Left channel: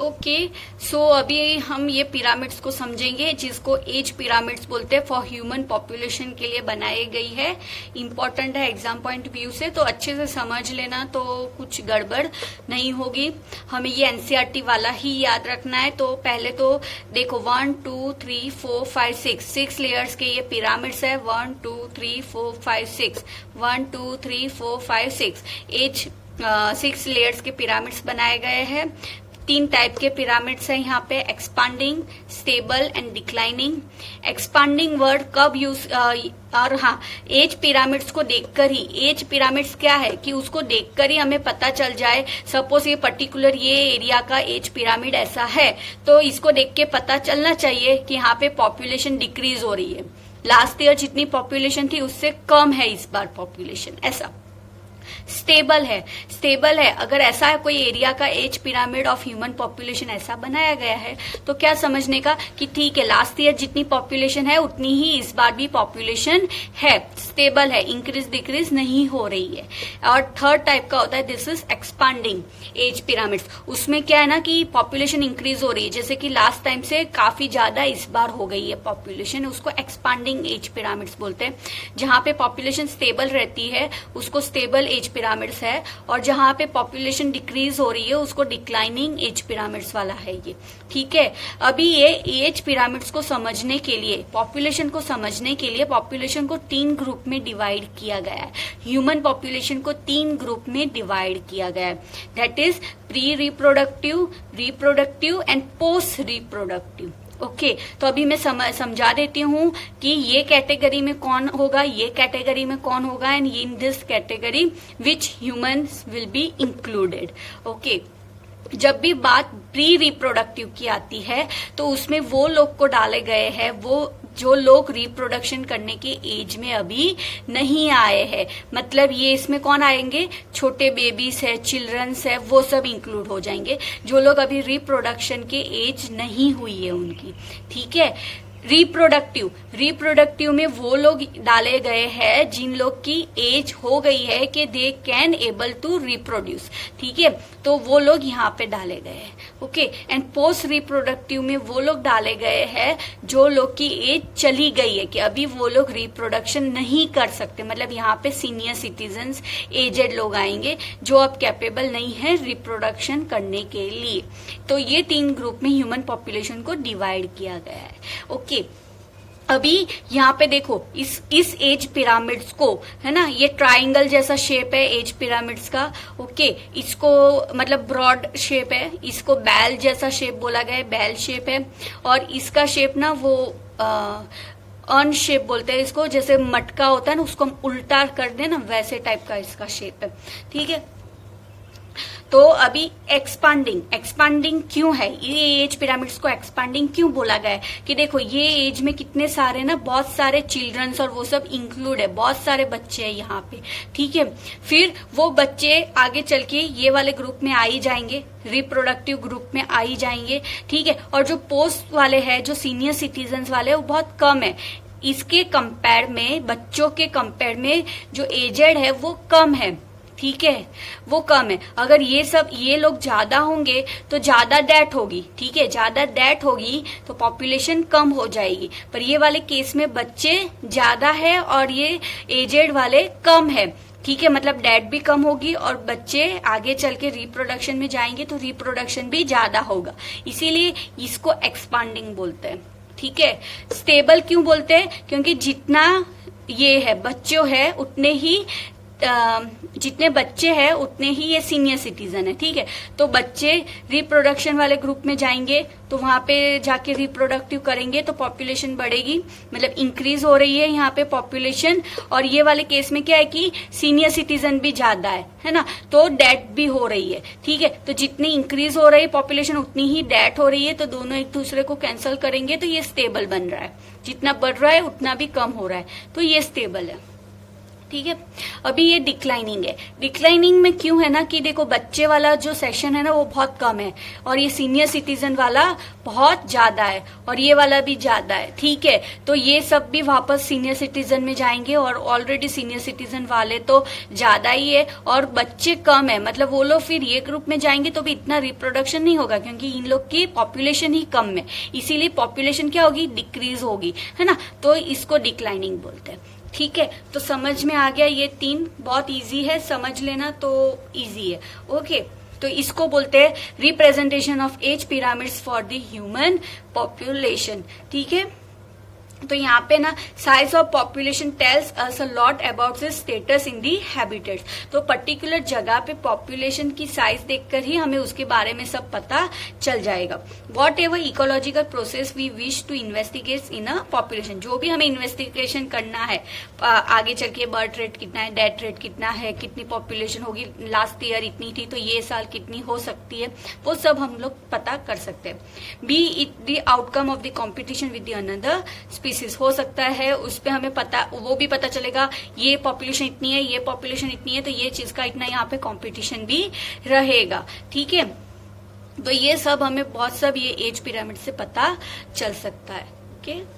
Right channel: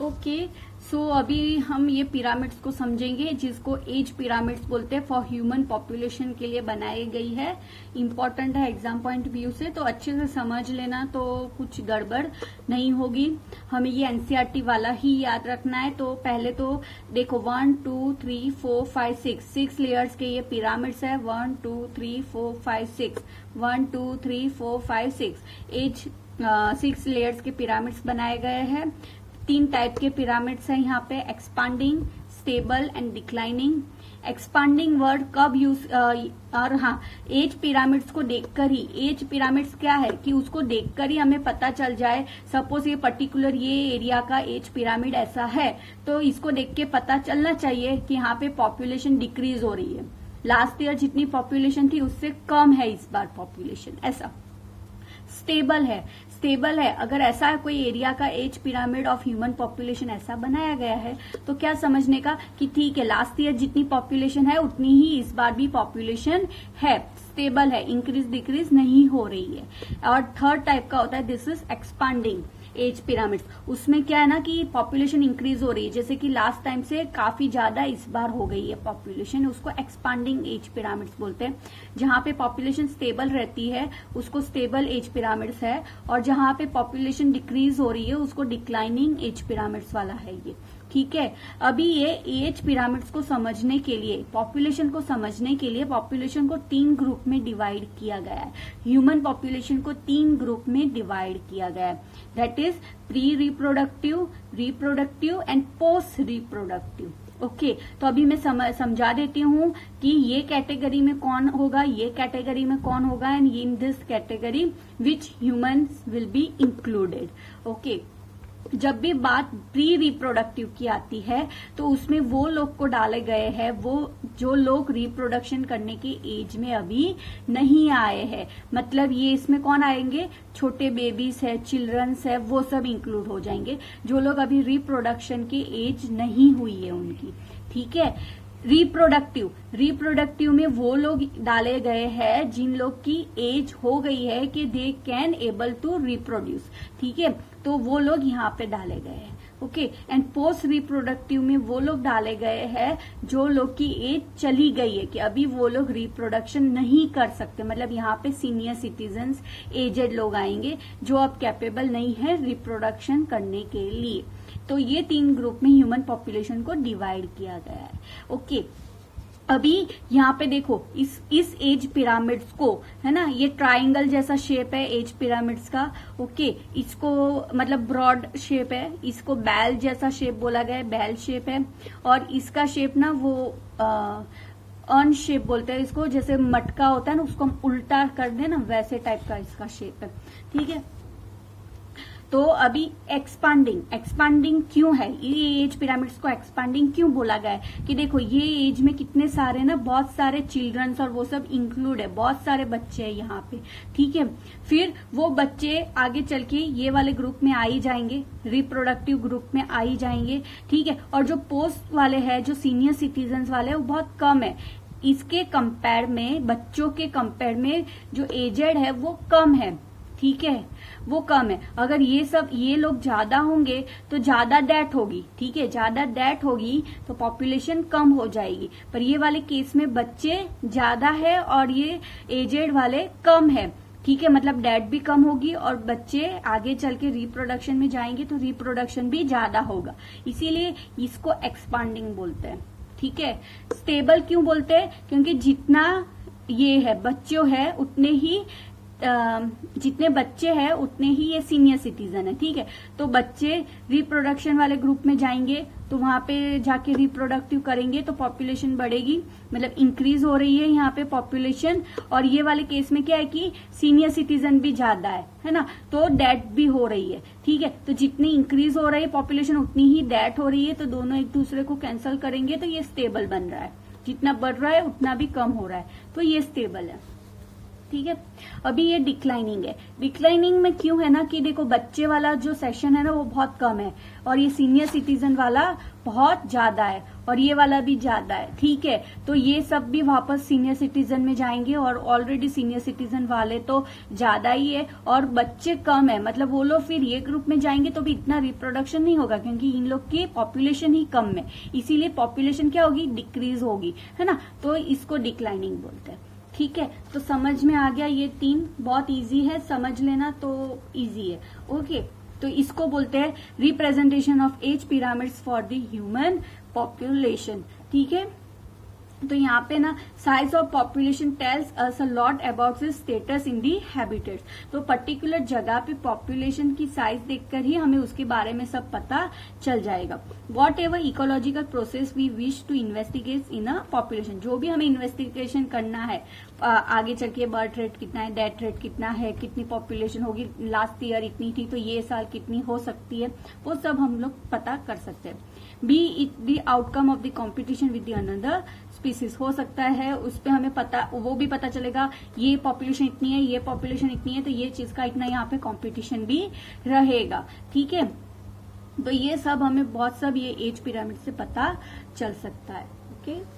Okay, सो अभी हम ये पिरामिड्स को समझेंगे जिसको एज पिरामिड्स बोलते हैं। फॉर ह्यूमन पॉपुलेशन के लिए बनाई गई है, इम्पोर्टेंट है एग्जाम पॉइंट व्यू से, तो अच्छे से समझ लेना तो कुछ गड़बड़ नहीं होगी। हमें ये एनसीईआरटी वाला ही याद रखना है। तो पहले तो देखो 1 2 3 4 5 6 लेयर्स के ये पिरामिड्स है। 1 2 3 4 5 6 1 2 3 4 5 6 एज 6 लेयर्स के पिरामिड्स बनाए गए हैं। 3 टाइप के पिरामिड्स हैं यहाँ पे, expanding, stable and declining. Expanding word कब यूज और हाँ, एज पिरामिड्स को देखकर ही, एज पिरामिड्स क्या है कि उसको देखकर ही हमें पता चल जाए। सपोज ये पर्टिकुलर ये एरिया का एज पिरामिड ऐसा है, तो इसको देख के पता चलना चाहिए कि यहाँ पे पॉपुलेशन डिक्रीज हो रही है। लास्ट ईयर जितनी पॉपुलेशन थी उससे कम है इस बार पॉपुलेशन, ऐसा। स्टेबल है, स्टेबल है अगर ऐसा है कोई एरिया का age pyramid of human population ऐसा बनाया गया है, तो क्या समझने का कि ठीक है लास्ट ईयर जितनी पॉपुलेशन है उतनी ही इस बार भी पॉपुलेशन है, स्टेबल है, इंक्रीज डिक्रीज नहीं हो रही है। और थर्ड टाइप का होता है this is expanding age pyramids. उसमें क्या है ना कि पॉपुलेशन इंक्रीज हो रही है, जैसे कि लास्ट टाइम से काफी ज्यादा इस बार हो गई है पॉपुलेशन, उसको एक्सपांडिंग एज पिरामिड्स बोलते हैं। जहां पे पॉपुलेशन स्टेबल रहती है उसको स्टेबल एज पिरामिड्स है, और जहां पे पॉपुलेशन डिक्रीज हो रही है उसको डिक्लाइनिंग एज पिरामिड्स वाला है ये। ठीक है, अभी ये एज पिरामिड्स को समझने के लिए, पॉपुलेशन को समझने के लिए पॉपुलेशन को 3 ग्रुप में डिवाइड किया गया है। ह्यूमन पॉपुलेशन को 3 ग्रुप में डिवाइड किया गया है, that is pre reproductive, reproductive and post reproductive. Okay, तो अभी मैं समझा देती हूँ कि ये कैटेगरी में कौन होगा, ये कैटेगरी में कौन होगा, and in this category which humans will be included. Okay, जब भी बात प्री रिप्रोडक्टिव की आती है तो उसमें वो लोग को डाले गए हैं, वो जो लोग रिप्रोडक्शन करने की एज में अभी नहीं आए हैं। मतलब ये इसमें कौन आएंगे, छोटे बेबीज है, चिल्ड्रंस है, वो सब इंक्लूड हो जाएंगे जो लोग अभी रिप्रोडक्शन की एज नहीं हुई है उनकी। ठीक है, रिप्रोडक्टिव, रिप्रोडक्टिव में वो लोग डाले गए हैं जिन लोग की एज हो गई है कि they can able to reproduce. ठीक है, तो वो लोग यहाँ पे डाले गए हैं। ओके, एंड पोस्ट रिप्रोडक्टिव में वो लोग डाले गए हैं जो लोग की एज चली गई है कि अभी वो लोग रिप्रोडक्शन नहीं कर सकते। मतलब यहाँ पे सीनियर सिटीजन्स, एजेड लोग आएंगे जो अब कैपेबल नहीं है रिप्रोडक्शन करने के लिए। तो ये 3 ग्रुप में ह्यूमन पॉपुलेशन को डिवाइड किया गया है। ओके, अभी यहाँ पे देखो इस एज पिरामिड्स को, है ना, ये ट्राइंगल जैसा शेप है एज पिरामिड्स का। ओके, इसको मतलब ब्रॉड शेप है, इसको बैल जैसा शेप बोला गया है, बैल शेप है। और इसका शेप ना वो अर्न शेप बोलते हैं इसको, जैसे मटका होता है ना उसको हम उल्टा कर दे ना वैसे टाइप का इसका शेप है। ठीक है, तो अभी एक्सपांडिंग, एक्सपांडिंग क्यों है, ये एज पिरामिड्स को एक्सपांडिंग क्यों बोला गया है कि देखो ये एज में कितने सारे ना, बहुत सारे चिल्ड्रंस और वो सब इंक्लूड है, बहुत सारे बच्चे हैं यहाँ पे। ठीक है, फिर वो बच्चे आगे चल के ये वाले ग्रुप में आ ही जाएंगे, रिप्रोडक्टिव ग्रुप में आ ही जाएंगे। ठीक है, और जो पोस्ट वाले हैं, जो सीनियर सिटीजन्स वाले हैं, वो बहुत कम है इसके कंपेयर में, बच्चों के कंपेयर में जो एजेड है वो कम है। ठीक है, वो कम है। अगर ये लोग ज्यादा होंगे तो ज्यादा डेथ होगी। ठीक है, ज्यादा डेथ होगी तो पॉपुलेशन कम हो जाएगी। पर ये वाले केस में बच्चे ज्यादा है और ये एजेड वाले कम है। ठीक है, मतलब डेथ भी कम होगी और बच्चे आगे चल के रिप्रोडक्शन में जाएंगे तो रिप्रोडक्शन भी ज्यादा होगा, इसीलिए इसको एक्सपांडिंग बोलते हैं। ठीक है, स्टेबल क्यों बोलते हैं, क्योंकि जितना ये है बच्चों है उतने ही जितने बच्चे हैं उतने ही ये सीनियर सिटीजन है। ठीक है, तो बच्चे रिप्रोडक्शन वाले ग्रुप में जाएंगे तो वहां पे जाके रिप्रोडक्टिव करेंगे तो पॉपुलेशन बढ़ेगी, मतलब इंक्रीज हो रही है यहाँ पे पॉपुलेशन। और ये वाले केस में क्या है कि सीनियर सिटीजन भी ज्यादा है ना, तो डेथ भी हो रही है। ठीक है, तो जितनी इंक्रीज हो रही है पॉपुलेशन उतनी ही डेथ हो रही है, तो दोनों एक दूसरे को कैंसिल करेंगे तो ये स्टेबल बन रहा है। जितना बढ़ रहा है उतना भी कम हो रहा है, तो ये स्टेबल है। ठीक है। अभी ये डिक्लाइनिंग है। डिक्लाइनिंग में क्यों है ना कि देखो बच्चे वाला जो सेशन है ना वो बहुत कम है और ये सीनियर सिटीजन वाला बहुत ज्यादा है और ये वाला भी ज्यादा है, ठीक है। तो ये सब भी वापस सीनियर सिटीजन में जाएंगे और ऑलरेडी सीनियर सिटीजन वाले तो ज्यादा ही है और बच्चे कम है, मतलब वो लोग फिर ये ग्रुप में जाएंगे तो भी इतना रिप्रोडक्शन नहीं होगा क्योंकि इन लोग की पॉपुलेशन ही कम है, इसीलिए पॉपुलेशन क्या होगी, डिक्रीज होगी, है ना। तो इसको डिक्लाइनिंग बोलते हैं, ठीक है। तो समझ में आ गया, ये 3 बहुत इजी है, समझ लेना तो इजी है, ओके। तो इसको बोलते हैं representation of age pyramids for the human population, ठीक है। तो यहाँ पे ना size of population tells us a lot about the status in the habitats. तो पर्टिकुलर जगह पे पॉपुलेशन की साइज देखकर ही हमें उसके बारे में सब पता चल जाएगा। Whatever ecological process we wish to investigate in a population, जो भी हमें इन्वेस्टिगेशन करना है आगे चल के, बर्थ रेट कितना है, डेथ रेट कितना है, कितनी पॉपुलेशन होगी, लास्ट ईयर इतनी थी तो ये साल कितनी हो सकती है, वो सब हम लोग पता कर सकते हैं। B it the outcome of the competition with the another species, हो सकता है उस पे हमें पता, वो भी पता चलेगा ये पॉपुलेशन इतनी है, ये पॉपुलेशन इतनी है, तो ये चीज का इतना यहाँ पे कंपटीशन भी रहेगा, ठीक है। तो ये सब हमें बहुत सब ये एज पिरामिड से पता चल सकता है, ओके।